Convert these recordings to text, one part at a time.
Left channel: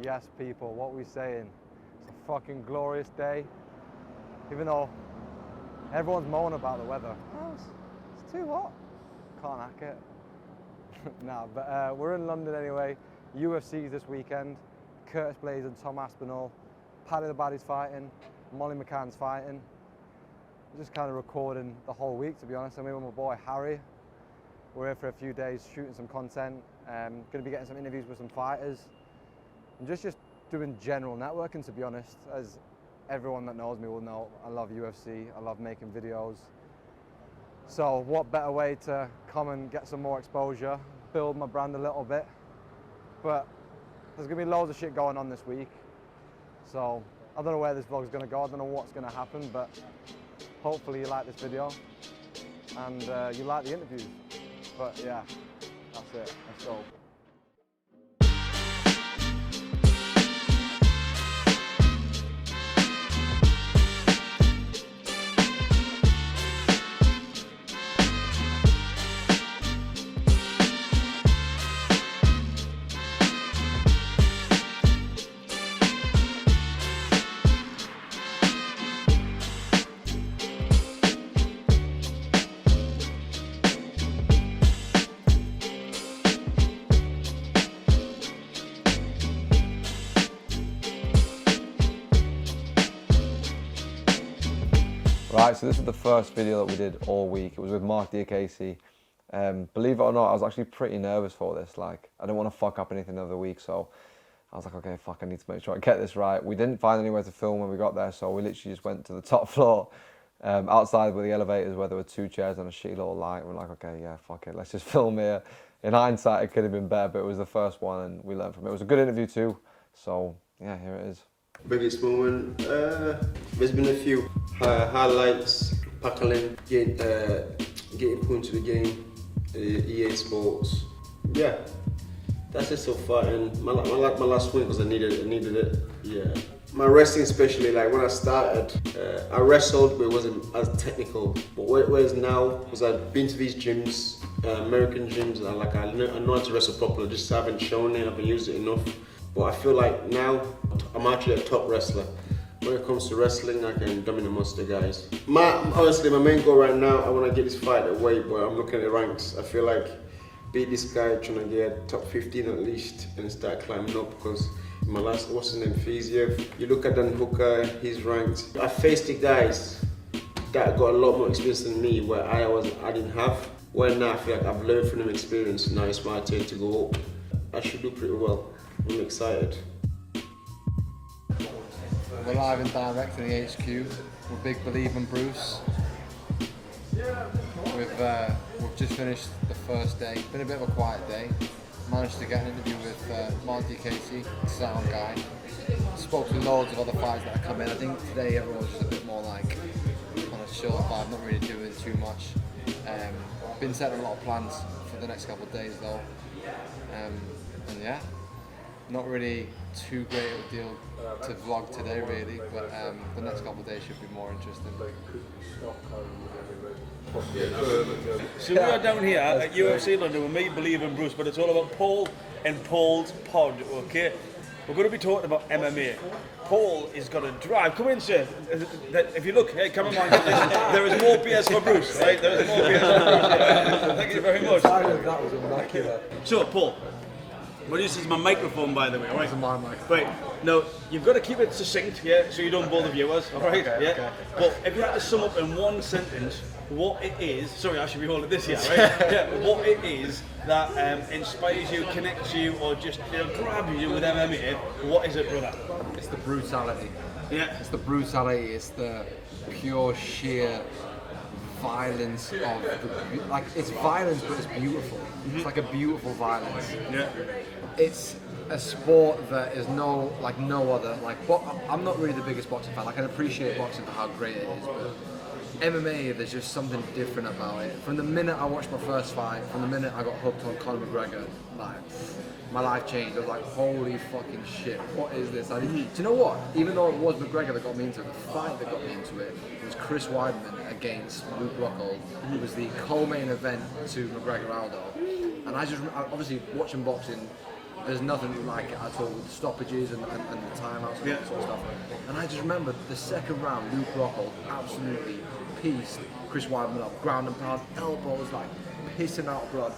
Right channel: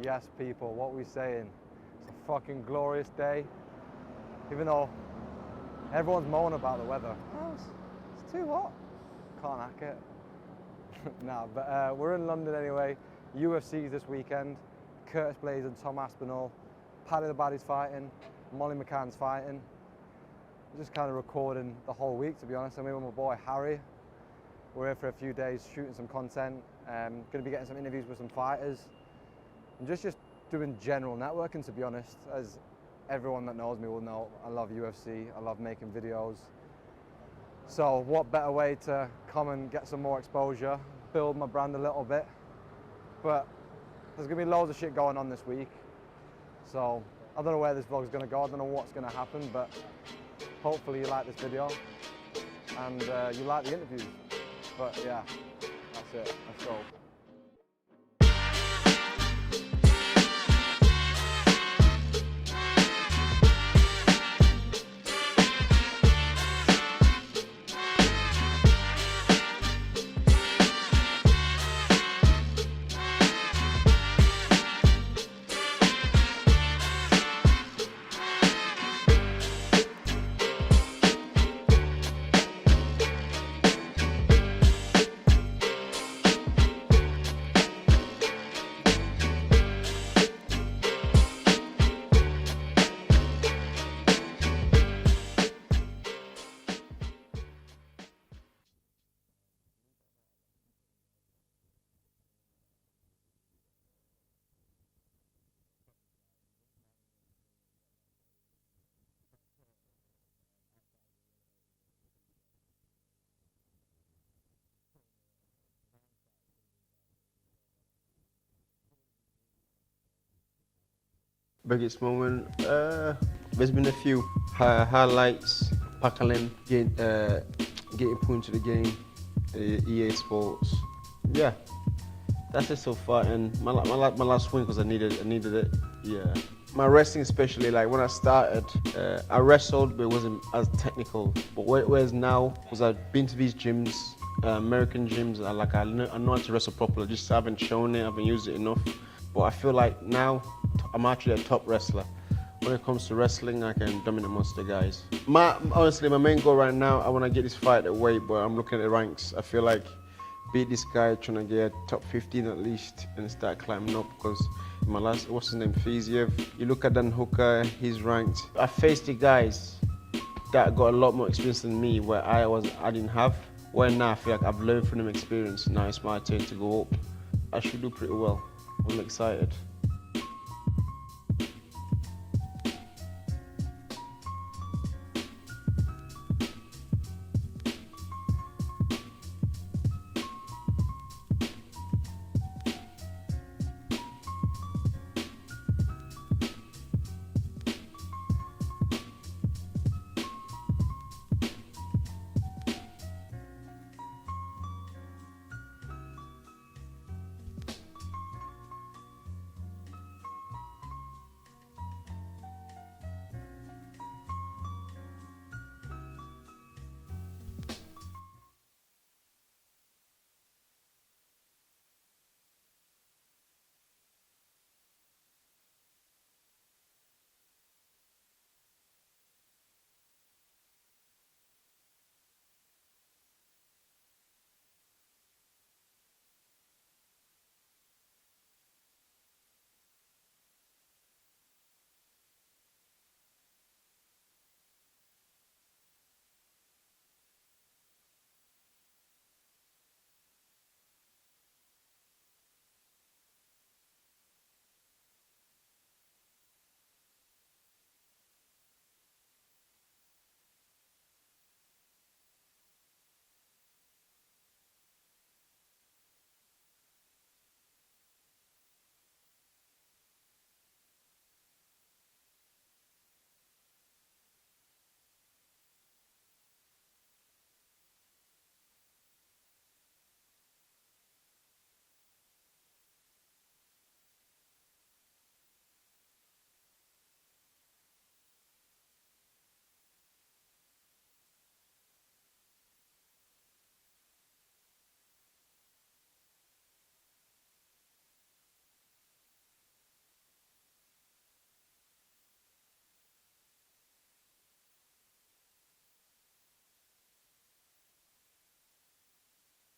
Yes, people, what we saying? It's a fucking glorious day. Even though everyone's moaning about the weather. Oh, it's too hot. Can't hack it. Nah, but we're in London anyway. UFC this weekend. Curtis Blades and Tom Aspinall. Paddy the Baddy's fighting. Molly McCann's fighting. Just kind of recording the whole week, to be honest. I'm here with my boy Harry. We're here for a few days shooting some content. Going to be getting some interviews with some fighters. And just doing general networking, to be honest. As everyone that knows me will know, I love UFC. I love making videos. So what better way to come and get some more exposure, build my brand a little bit. But there's going to be loads of shit going on this week. So I don't know where this vlog's going to go. I don't know what's going to happen, but hopefully you like this video and you like the interviews. But yeah, that's it. Let's go. Right, so this is the first video that we did all week. It was with Mark Casey. Believe it or not, I was actually pretty nervous for this. Like, I didn't want to fuck up anything the other week, so I was like, okay, fuck, I need to make sure I get this right. We didn't find anywhere to film when we got there, so we literally just went to the top floor, outside with the elevators where there were 2 chairs and a shitty little light. We're like, okay, yeah, fuck it, let's just film here. In hindsight, it could have been better, but it was the first one and we learned from it. It was a good interview too, so yeah, here it is. Biggest moment, there's been a few highlights, tackling, getting put into the game, EA Sports. Yeah, that's it so far. And my last win because I needed it. Yeah, my wrestling especially, like when I started, I wrestled but it wasn't as technical. But whereas now, because I've been to these gyms, American gyms, and I know how to wrestle properly. Just haven't shown it, I haven't used it enough. But I feel like now I'm actually a top wrestler. When it comes to wrestling, I can dominate most of the guys. Honestly, my main goal right now, I want to get this fight away, but I'm looking at the ranks. I feel like beat this guy, trying to get top 15 at least, and start climbing up. Because my last, what's his name, Fiziev, you look at Dan Hooker, he's ranked. I faced the guys that got a lot more experience than me, where I didn't have. Well, now I feel like I've learned from them experience. Now it's my turn to go up. I should do pretty well. I'm excited. We're live and direct in the HQ with Big Believin' Bruce. We've just finished the first day. It's been a bit of a quiet day. Managed to get an interview with Monty Casey, sound guy. Spoke to loads of other fighters that have come in. I think today everyone's just a bit more like on a chill vibe, not really doing too much. Been setting a lot of plans for the next couple of days though. And yeah, not really too great of a deal to vlog today really, but the next couple of days should be more interesting. So we are down here at UFC London with me, Believin' Bruce, but it's all about Paul and Paul's pod, okay? We're going to be talking about MMA. Paul is going to drive. Come in, sir. If you look, hey, come on, there is more beers for Bruce, right? There is more beers for Bruce. Yeah. Thank you very much. That was immaculate. So, Paul, well, this is my microphone, by the way, all right? This is my microphone. Right, now, you've got to keep it succinct, yeah, so you don't bore the viewers, all right? Okay, yeah. okay. But if you had to sum up in one sentence what it is, sorry, I should be holding this here, right? Yeah, what it is that inspires you, connects you, or just grabs you with MMA, what is it, brother? It's the brutality. Yeah. It's the brutality. It's the pure, sheer violence of the, like, it's violence, but it's beautiful. It's like a beautiful violence. Yeah. It's a sport that is no other. Like, I'm not really the biggest boxing fan. Like, I can appreciate boxing for how great it is, but MMA, there's just something different about it. From the minute I watched my first fight, from the minute I got hooked on Conor McGregor, like, my life changed. I was like, holy fucking shit, what is this? Do you know what? Even though it was McGregor that got me into it, the fight that got me into it was Chris Weidman against Luke Rockhold. It was the co-main event to McGregor Aldo. And I just, obviously watching boxing, There's nothing like it at all with the stoppages and the timeouts and that sort of stuff. And I just remember the second round, Luke Rockhold absolutely pieced Chris Weidman up, ground and pound, elbows like pissing out blood.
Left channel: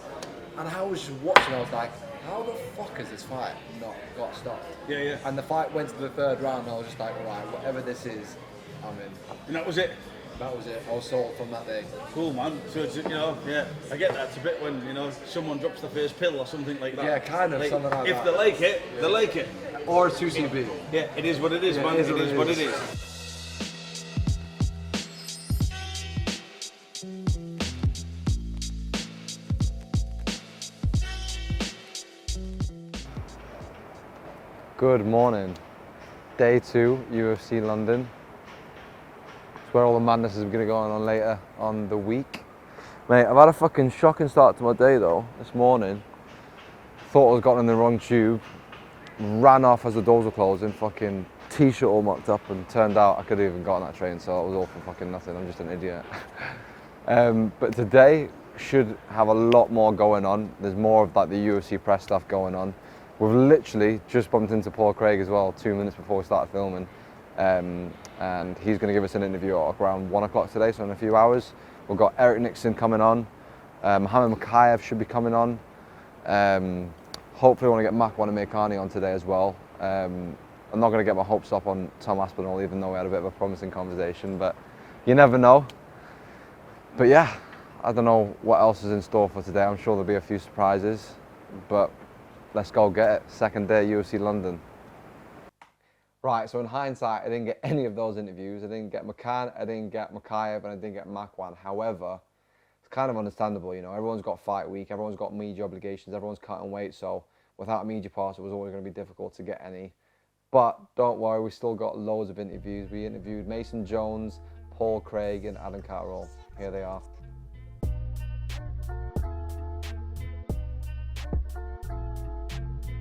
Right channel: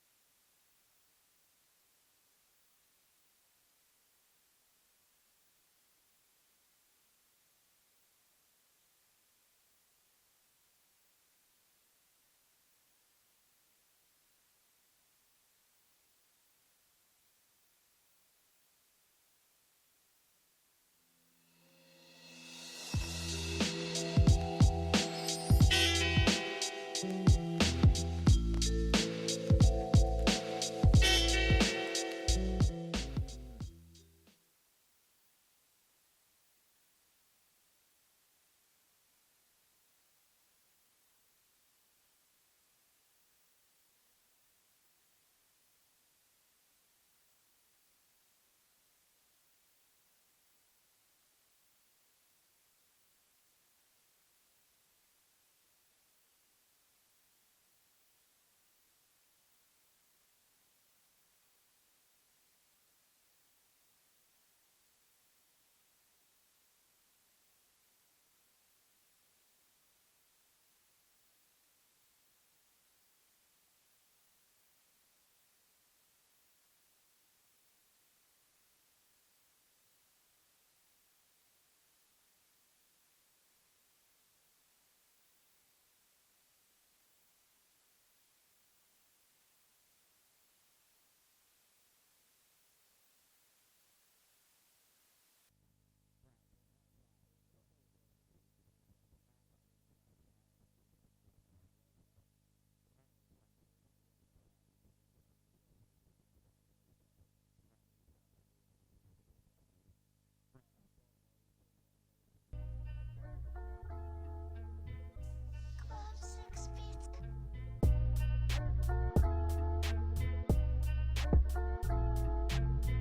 And I was just watching, I was like, how the fuck has this fight not got stopped? Yeah, yeah. And the fight went to the third round, and I was just like, right, whatever this is, I'm in. And that was it. That was it. I was sold from that day. Cool, man. So it's, yeah, I get that. It's a bit when someone drops the first pill or something like that. Yeah, kind of, like, something like if that. they like it, they like it. Or 2CB. Yeah, it is what it is, Yeah, man. it is what it is. Good morning. Day 2, UFC London. It's where all the madness is going to go on later on the week. Mate, I've had a fucking shocking start to my day though, this morning. Thought I was gotten in the wrong tube. Ran off as the doors were closing, fucking t-shirt all mucked up, and turned out I could have even got on that train, so it was all for fucking nothing. I'm just an idiot. But today should have a lot more going on. There's more of like the UFC press stuff going on. We've literally just bumped into Paul Craig as well 2 minutes before we started filming. And he's going to give us an interview at around 1 o'clock today, so in a few hours. We've got Eric Nixon coming on. Mohammed Makayev should be coming on. Hopefully I want to get Makwan and Meikani on today as well. I'm not going to get my hopes up on Tom Aspinall, even though we had a bit of a promising conversation, but you never know. But yeah, I don't know what else is in store for today. I'm sure there'll be a few surprises, but let's go get it. Second day UFC London. Right, so in hindsight, I didn't get any of those interviews. I didn't get McCann, I didn't get Makayev, and I didn't get Makwan. However, it's kind of understandable, everyone's got fight week, everyone's got media obligations, everyone's cutting weight, so without a media pass, it was always going to be difficult to get any. But don't worry, we still got loads of interviews. We interviewed Mason Jones, Paul Craig, and Adam Catterall. Here they are.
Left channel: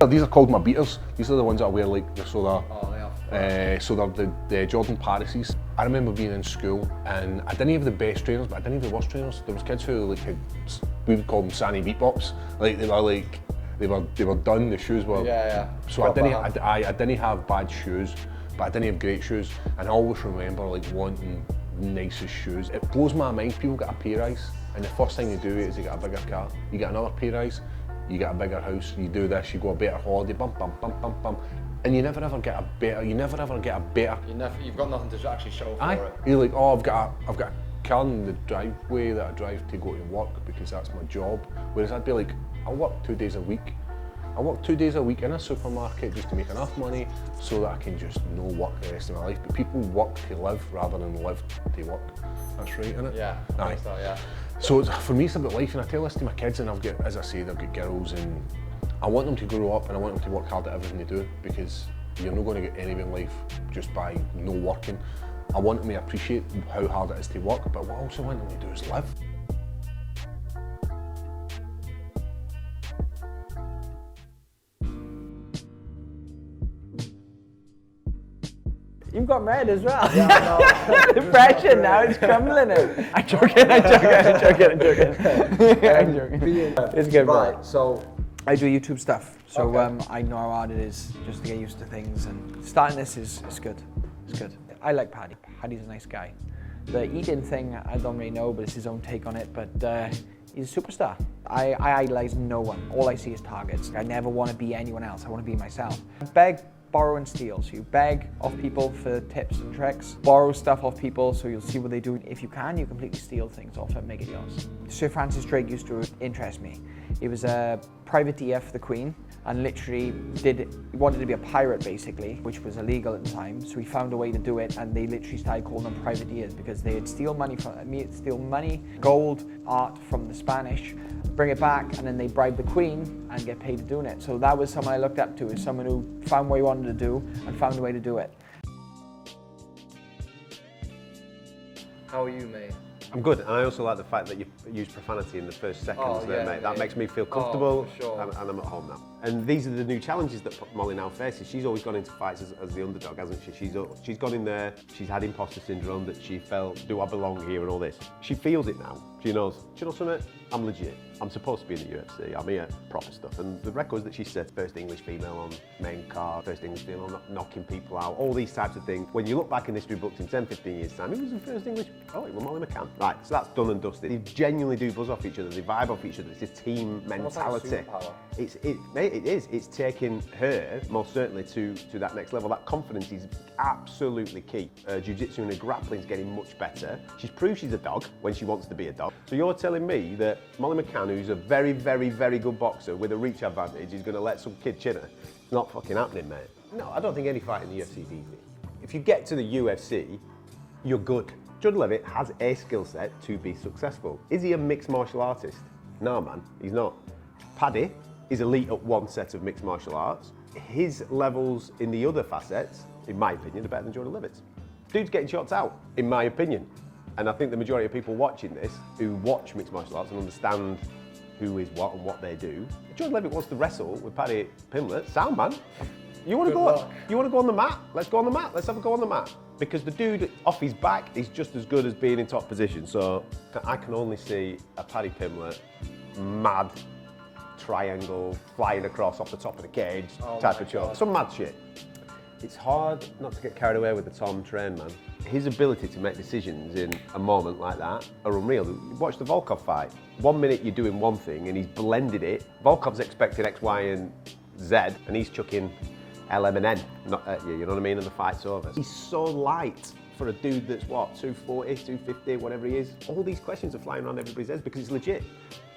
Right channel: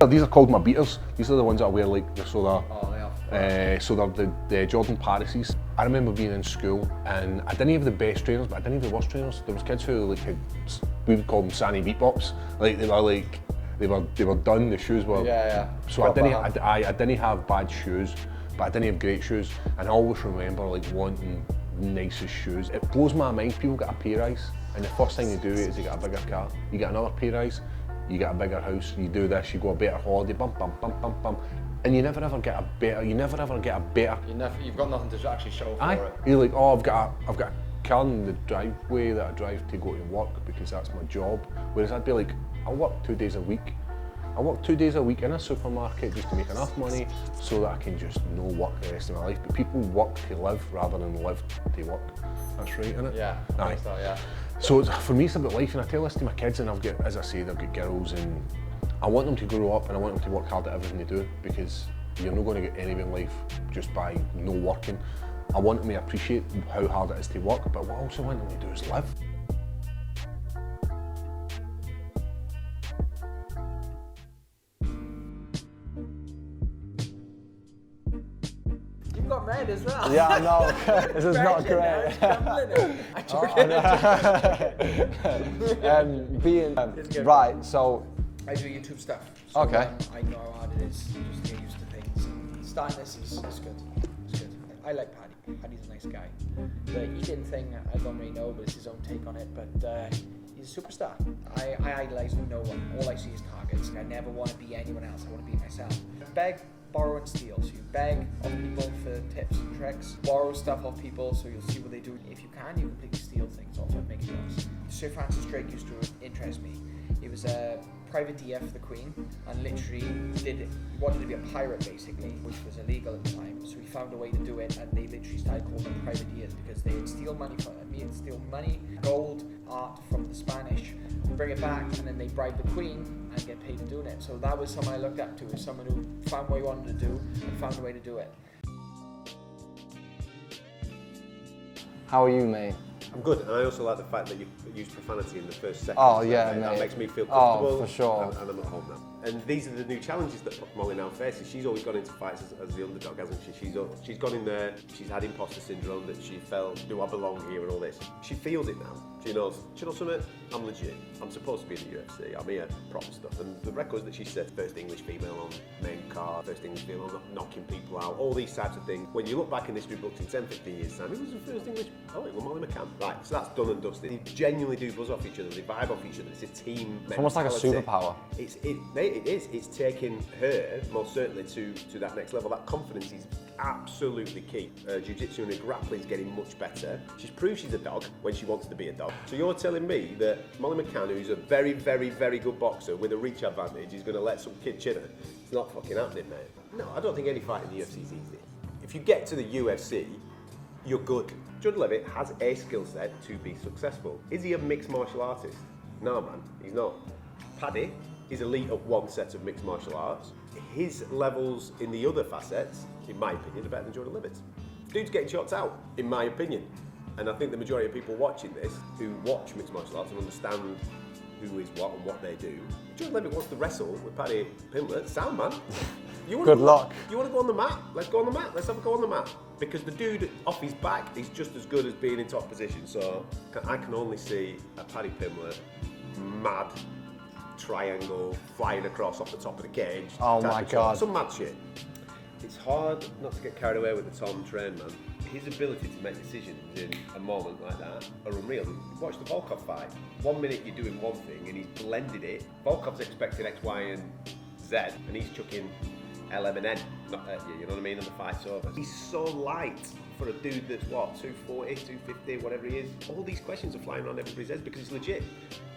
These are called my beaters. These are the ones that I wear like they're so they are. so they're the Jordan Parises. I remember being in school and I didn't have the best trainers, but I didn't have the worst trainers. There was kids who like had, we would call them Sanny beatbops. Like they were done. The shoes were So I didn't have bad shoes, but I didn't have great shoes. And I always remember like wanting nicest shoes. It blows my mind. People get a pay rise, and the first thing you do is you get a bigger car. You get another pay rise. You get a bigger house, you do this, you go a better holiday, bum, bum, bum, bum, bum. And you never ever get a better, You've got nothing to actually show for it. You're like, oh, I've got a car in the driveway that I drive to go to work because that's my job. Whereas I'd be like, I'll work 2 days a week. I work 2 days a week in a supermarket just to make enough money so that I can just no work the rest of my life. But people work to live rather than live to work. That's right, isn't it? Yeah, I think so, yeah. So for me it's about life, and I tell this to my kids, and as I say, they've got girls, and I want them to grow up and I want them to work hard at everything they do, because you're not going to get anywhere in life just by no working. I want them to appreciate how hard it is to work, but what I also want them to do is live. You've got red as well. Yeah, I know. The pressure now is crumbling it. I'm joking. It's good. Right, so I do YouTube stuff, so Okay. I know how hard it is just to get used to things. And starting this is good. It's good. I like Paddy. Paddy's a nice guy. The eating thing, I don't really know, but it's his own take on it. But he's a superstar. I idolize no one. All I see is targets. I never want to be anyone else. I want to be myself. Beg, borrow and steal. So you beg off people for tips and tricks, borrow stuff off people so you'll see what they do. If you can, you completely steal things off and make it yours. Sir Francis Drake used to interest me. He was a privateer for the Queen and literally he wanted to be a pirate basically, which was illegal at the time. So he found a way to do it, and they literally started calling them privateers because they'd steal money, gold, art from the Spanish, bring it back, and then they bribe the Queen and get paid for doing it. So that was someone I looked up to, as someone who found what he wanted to do and found a way to do it. how are you, mate? I'm good, and I also like the fact that you used profanity in the first second. Oh, yeah, that mate. makes me feel comfortable. Oh, for sure. And I'm at home now. And these are the new challenges that Molly now faces. She's always gone into fights as the underdog, hasn't she? She's gone in there, she's had imposter syndrome, that she felt, do I belong here and all this. She feels it now. She knows, do you know something? I'm legit. I'm supposed to be in the UFC. I'm here, proper stuff. And the records that she set, first English female on name card, first English female knocking people out, all these types of things. When you look back in history books in 10, 15 years' time, it was the first English, oh, it was Molly McCann. Right, so that's done and dusted. They genuinely do buzz off each other, they vibe off each other. It's a team mentality. Almost like a superpower. It is. It's taking her, most certainly, to that next level. That confidence is absolutely key. Jiu-jitsu and her grappling is getting much better. She's proved she's a dog when she wants to be a dog. So you're telling me that Molly McCann, who's a very, very, very good boxer with a reach advantage, is going to let some kid chin her? It's not fucking happening, mate. No, I don't think any fight in the UFC is easy. If you get to the UFC, you're good. Judd Levitt has a skill set to be successful. Is he a mixed martial artist? No, man, he's not. Paddy is elite at one set of mixed martial arts. His levels in the other facets, in my opinion, are better than Jordan Levitt's. Dude's getting shots out, in my opinion. And I think the majority of people watching this, who watch mixed martial arts and understand who is what and what they do, Jordan Levitt wants to wrestle with Paddy Pimblett. Sound, man. You want to Good luck. You want to go on the mat? Let's go on the mat. Let's have a go on the mat. Because the dude off his back is just as good as being in top position. So I can only see a Paddy Pimblett mad triangle flying across off the top of the cage. Oh type my of shot. God. Some mad shit. It's hard not to get carried away with the Tom Train, man. His ability to make decisions in a moment like that are unreal. Watch the Volkov fight. 1 minute you're doing one thing and he's blended it. Volkov's expected X, Y, and Z, and he's chucking LM and N not at you know what I mean, and the fight's over. He's so light for a dude that's what, 240, 250, whatever he is. All these questions are flying around everybody's heads because it's legit.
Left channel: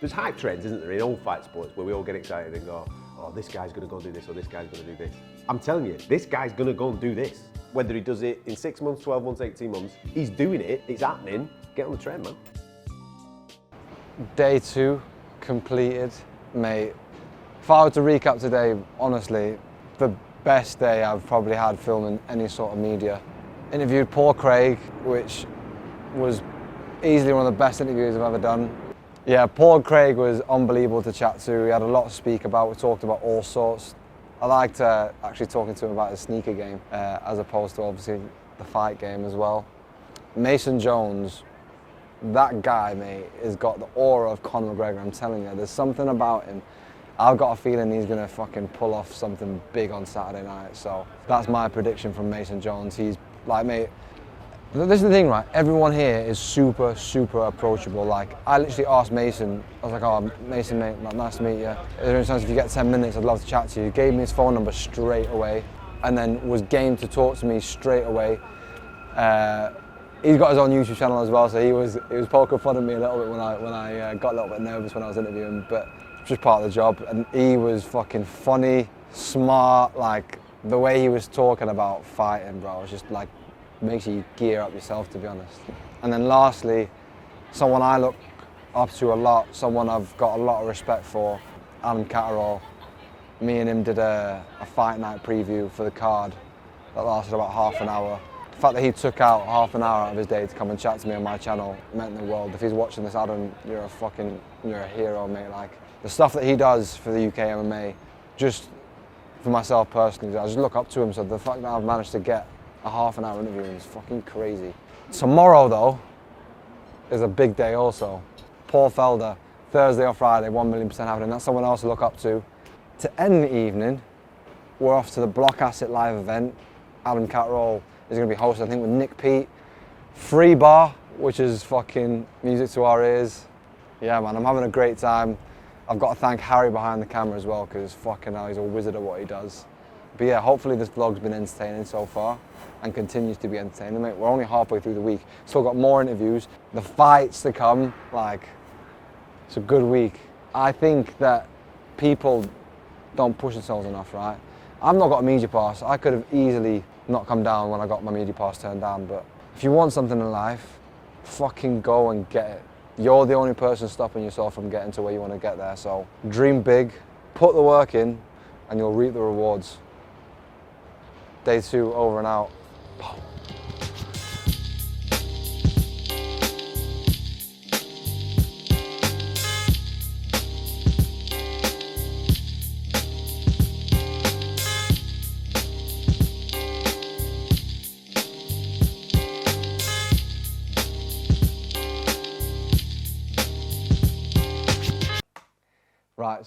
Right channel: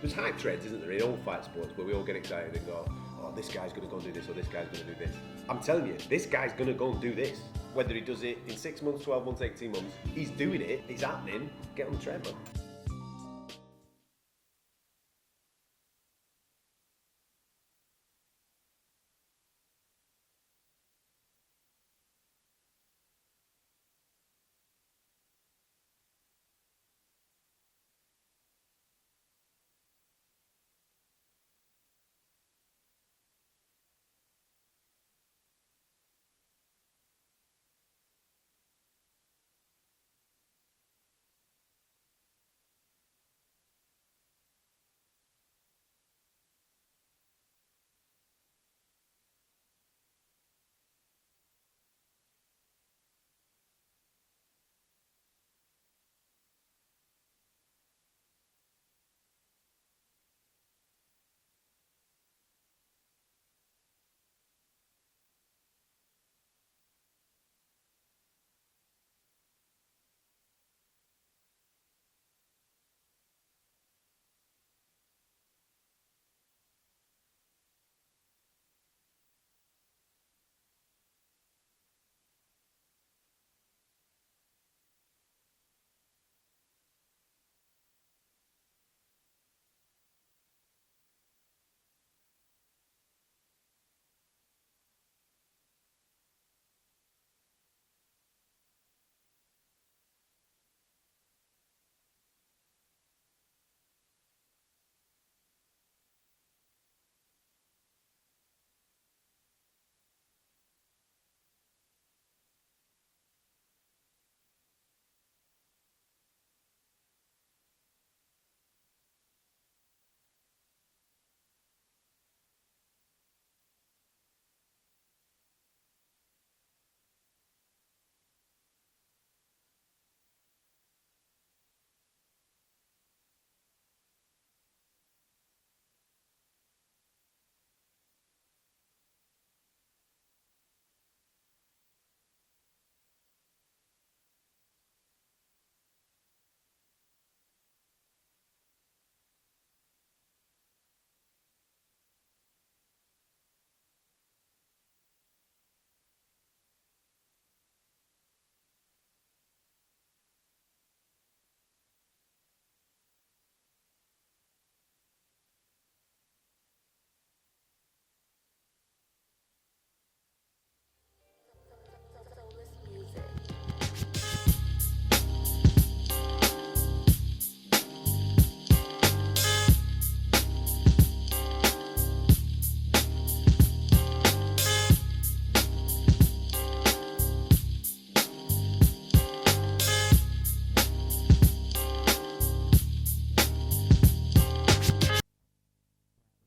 There's hype trends, isn't there, in all fight sports where we all get excited and go, oh, this guy's gonna go do this or this guy's gonna do this. I'm telling you, this guy's gonna go and do this. Whether he does it in 6 months, 12 months, 18 months, he's doing it, it's happening. Get on the train, man. Day 2 completed, mate. If I were to recap today, honestly, the best day I've probably had filming any sort of media. Interviewed Paul Craig, which was easily one of the best interviews I've ever done. Yeah, Paul Craig was unbelievable to chat to. He had a lot to speak about. We talked about all sorts. I liked actually talking to him about his sneaker game, as opposed to obviously the fight game as well. Mason Jones, that guy, mate, has got the aura of Conor McGregor. I'm telling you, there's something about him. I've got a feeling he's gonna fucking pull off something big on Saturday night. So that's my prediction from Mason Jones. He's like, mate, this is the thing, right? Everyone here is super, super approachable. Like, I literally asked Mason, I was like, oh, Mason, mate, nice to meet you. Is there any chance if you get 10 minutes, I'd love to chat to you. He gave me his phone number straight away and then was game to talk to me straight away. He's got his own YouTube channel as well, so he was poking fun at me a little bit when I got a little bit nervous when I was interviewing, but it's just part of the job. And he was fucking funny, smart, like the way he was talking about fighting, bro, was just like, makes you gear up yourself, to be honest. And then lastly, someone I look up to a lot, someone I've got a lot of respect for, Alan Catterall. Me and him did a fight night preview for the card that lasted about half an hour. The fact that he took out half an hour out of his day to come and chat to me on my channel meant the world. If he's watching this, Adam, you're a hero, mate. Like, the stuff that he does for the UK MMA, just for myself personally, I just look up to him. So the fact that I've managed to get a half an hour interview is fucking crazy. Tomorrow though is a big day also. Paul Felder, Thursday or Friday, 1,000,000% happening. That's someone else to look up to. To end the evening, we're off to the Block Asset live event. Alan Catterall is going to be hosting, I think, with Nick Pete. Free bar, which is fucking music to our ears. Yeah, man, I'm having a great time. I've got to thank Harry behind the camera as well, because fucking hell, he's a wizard at what he does. But yeah, hopefully this vlog's been entertaining so far and continues to be entertaining, mate. We're only halfway through the week. Still got more interviews, the fights to come, like, it's a good week. I think that people don't push themselves enough, right? I've not got a media pass. I could have easily not come down when I got my media pass turned down, but if you want something in life, fucking go and get it. You're the only person stopping yourself from getting to where you want to get there, so dream big, put the work in, and you'll reap the rewards. Day 2 over and out.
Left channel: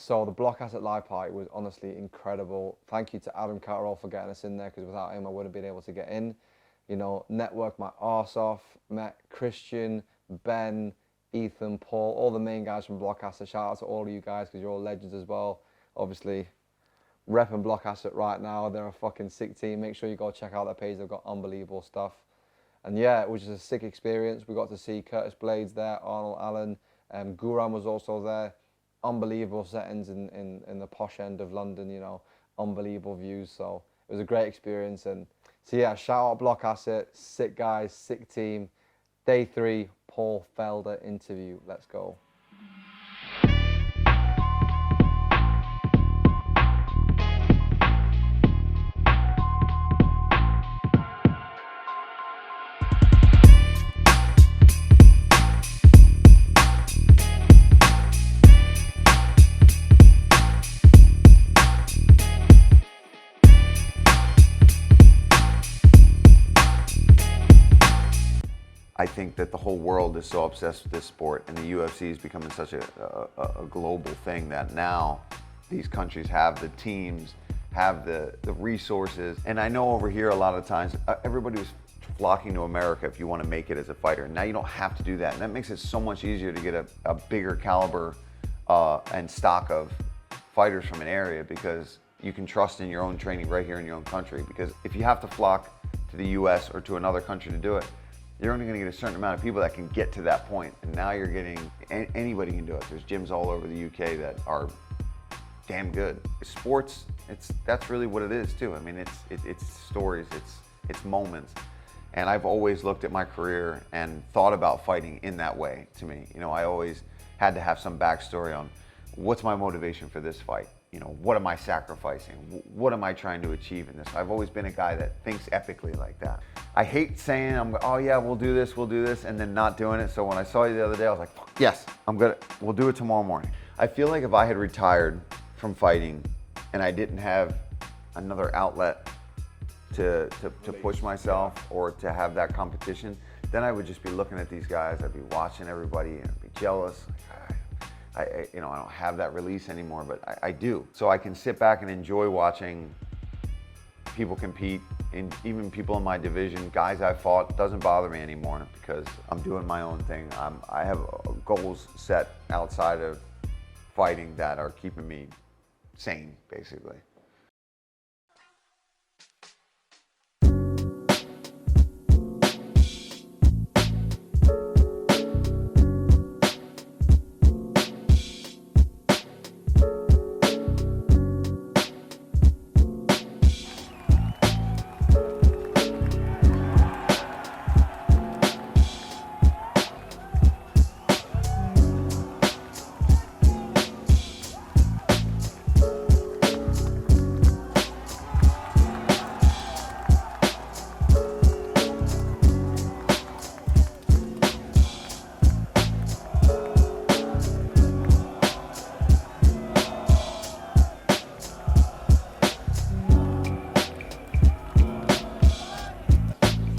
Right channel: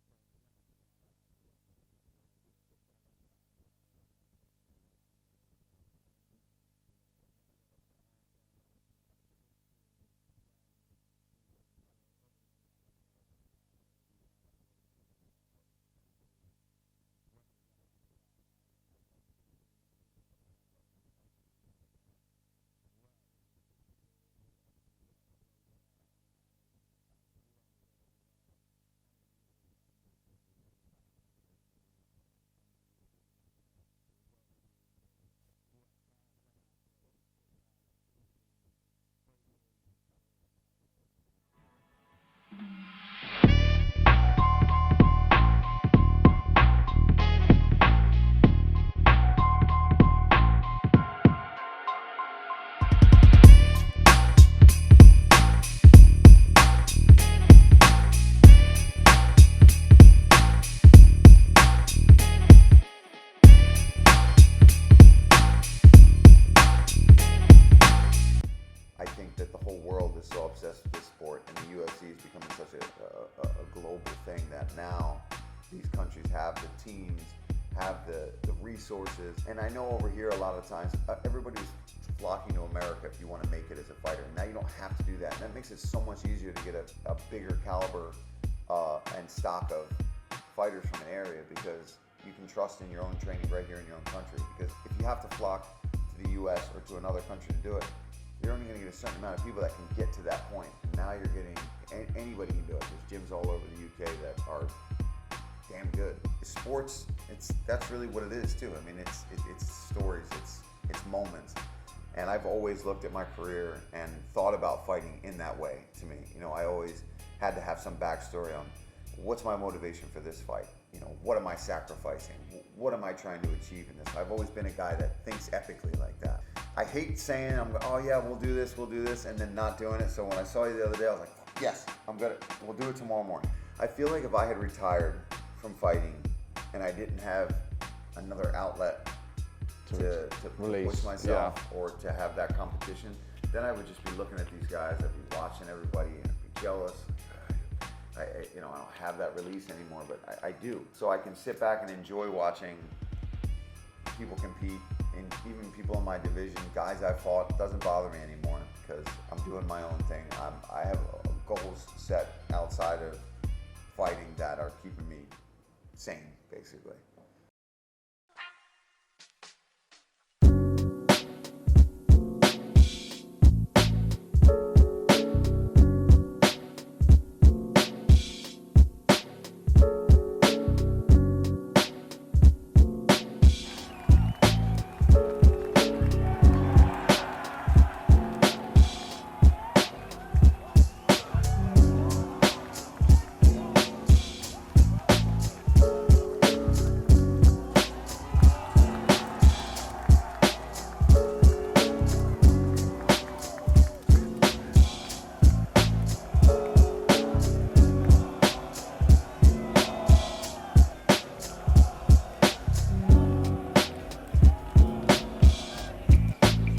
So the Block Asset Live Party was honestly incredible. Thank you to Adam Catterall for getting us in there, because without him I wouldn't have been able to get in. You know, networked my arse off, met Christian, Ben, Ethan, Paul, all the main guys from Block Asset. Shout out to all of you guys, because you're all legends as well. Obviously, repping Block Asset right now. They're a fucking sick team. Make sure you go check out their page. They've got unbelievable stuff. And yeah, it was just a sick experience. We got to see Curtis Blades there, Arnold Allen, Guram was also there. Unbelievable settings in the posh end of London, you know, unbelievable views. So it was a great experience. And so yeah, shout out Block Asset, sick guys, sick team. Day 3, Paul Felder interview. Let's go. I think that the whole world is so obsessed with this sport, and the UFC is becoming such a global thing that now these countries have the teams, have the resources. And I know over here a lot of times everybody's flocking to America if you want to make it as a fighter. Now you don't have to do that, and that makes it so much easier to get a bigger caliber and stock of fighters from an area, because you can trust in your own training right here in your own country. Because if you have to flock to the US or to another country to do it, you're only going to get a certain amount of people that can get to that point. And now you're getting, anybody can do it. There's gyms all over the UK that are damn good. Sports, that's really what it is too. I mean, it's stories, it's moments. And I've always looked at my career and thought about fighting in that way to me. You know, I always had to have some backstory on what's my motivation for this fight? You know, what am I sacrificing? What am I trying to achieve in this? I've always been a guy that thinks epically like that. I hate saying, oh yeah, we'll do this, and then not doing it. So when I saw you the other day, I was like, yes, we'll do it tomorrow morning. I feel like if I had retired from fighting and I didn't have another outlet to push myself, yeah, or to have that competition, then I would just be looking at these guys, I'd be watching everybody and I'd be jealous. I don't have that release anymore, but I do. So I can sit back and enjoy watching people compete, and even people in my division, guys I fought, doesn't bother me anymore, because I'm doing my own thing. I have goals set outside of fighting that are keeping me sane, basically.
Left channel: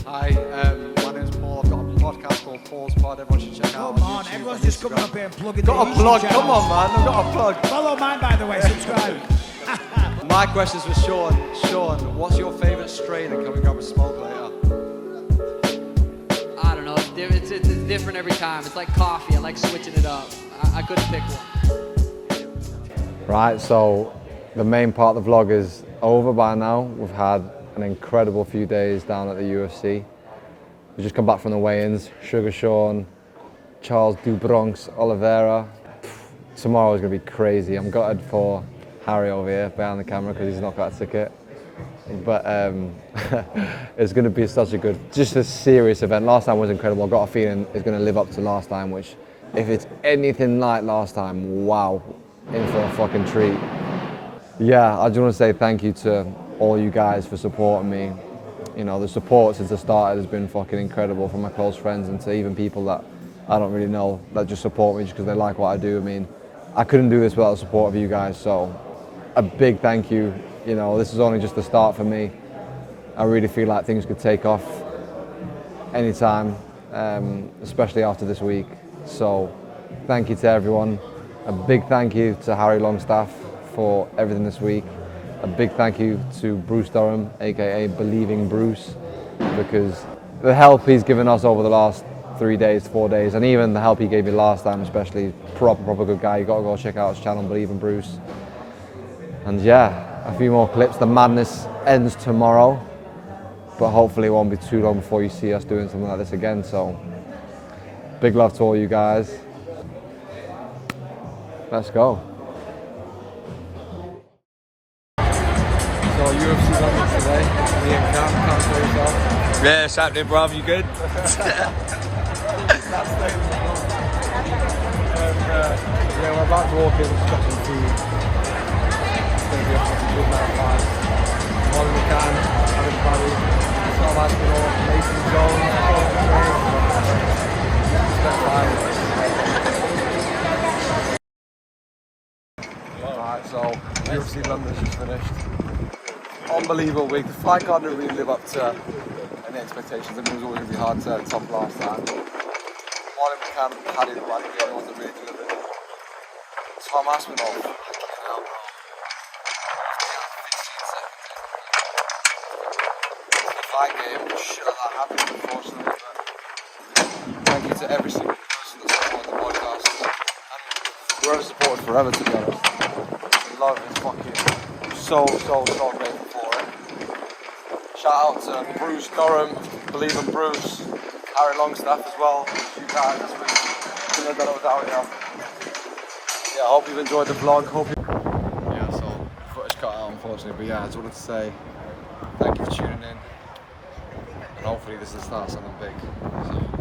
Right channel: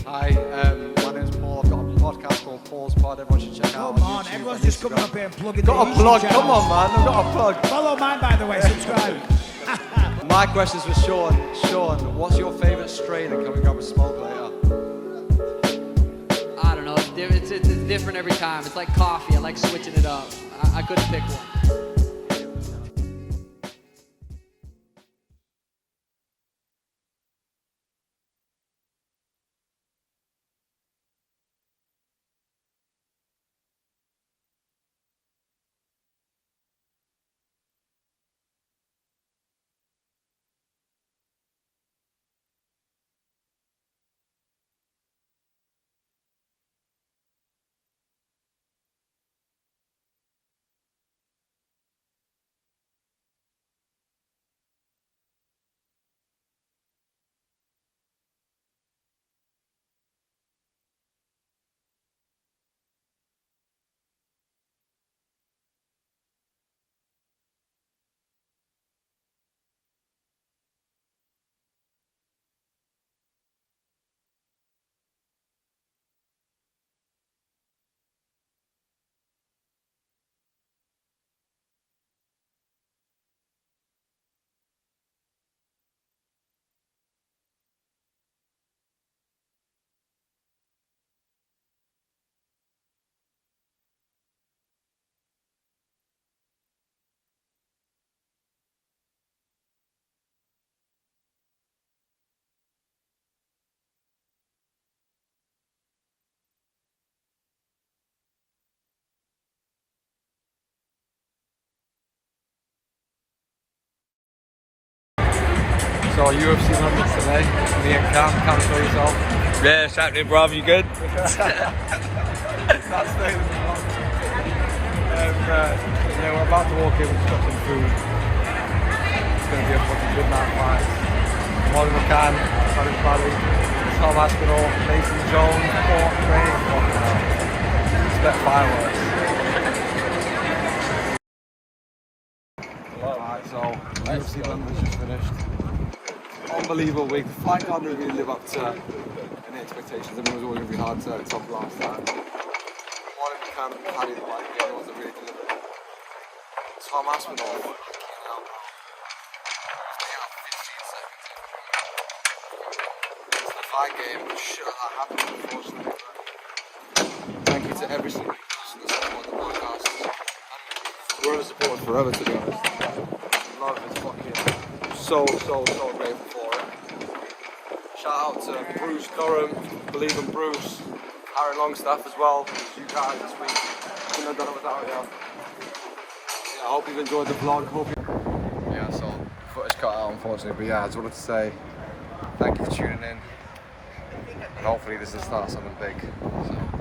Hi, my name's Paul. I've got a podcast called Paul's Pod. Everyone should check out. Come on, everyone's just coming up here and plugging Got a plug, come on man, I've got a plug. Follow mine, by the way, subscribe. My question's for Sean. Sean, what's your favourite strain, and can we grab a smoke later? I don't know, it's different every time. It's like coffee, I like switching it up. I couldn't pick one. Right, so the main part of the vlog is over by now. We've had an incredible few days down at the UFC. We've just come back from the weigh-ins. Sugar Sean, Charles Dubronx, Oliveira. Tomorrow is going to be crazy. I'm gutted for Harry over here behind the camera because he's not got a ticket. But it's going to be such a good, just a serious event. Last time was incredible. I've got a feeling it's going to live up to last time, which if it's anything like last time, wow, in for a fucking treat. Yeah, I just want to say thank you to all you guys for supporting me. You know, the support since I started has been fucking incredible, from my close friends and to even people that I don't really know that just support me just because they like what I do. I mean, I couldn't do this without the support of you guys, so a big thank you. You know, this is only just the start for me. I really feel like things could take off anytime, especially after this week. So thank you to everyone. A big thank you to Harry Longstaff for everything this week. A big thank you to Bruce Durham, aka Believing Bruce, because the help he's given us over the last 3 days, 4 days, and even the help he gave me last time, especially, proper good guy. You gotta go check out his channel, Believing Bruce. And yeah, a few more clips. The madness ends tomorrow, but hopefully it won't be too long before you see us doing something like this again. So, big love to all you guys. Let's go. So UFC London today. Me and Cam, show yourself. Yeah, it's happening, bruv. You good? Yeah, we're about to walk in and stop some food. It's going to be a fucking good night of fights. Molly McCann, Harri Bruce, Tom Aspinall, Mason Jones, Paul Felder. Fucking hell. Expect fireworks. Right, so UFC London's just finished. Unbelievable week. The fight card didn't really live up to any expectations. I mean, it was always going to be hard to top last time. Molly McCann and Paddy were like the only ones that really delivered. Tom Aspinall, fucking hell, bro. The fight game, shit like that happened, unfortunately. But thank you to every single person that supported the podcast. And whoever supported forever, to be honest. The love is fucking so grateful for it. Shout out to Bruce Durham, Believing Bruce, Harri Longstaff as well, you guys this week. Couldn't have done it without you. Yeah, I hope you've enjoyed the vlog. Yeah, so footage cut out unfortunately, but yeah, I just wanted to say thank you for tuning in, and hopefully this will start something big. So.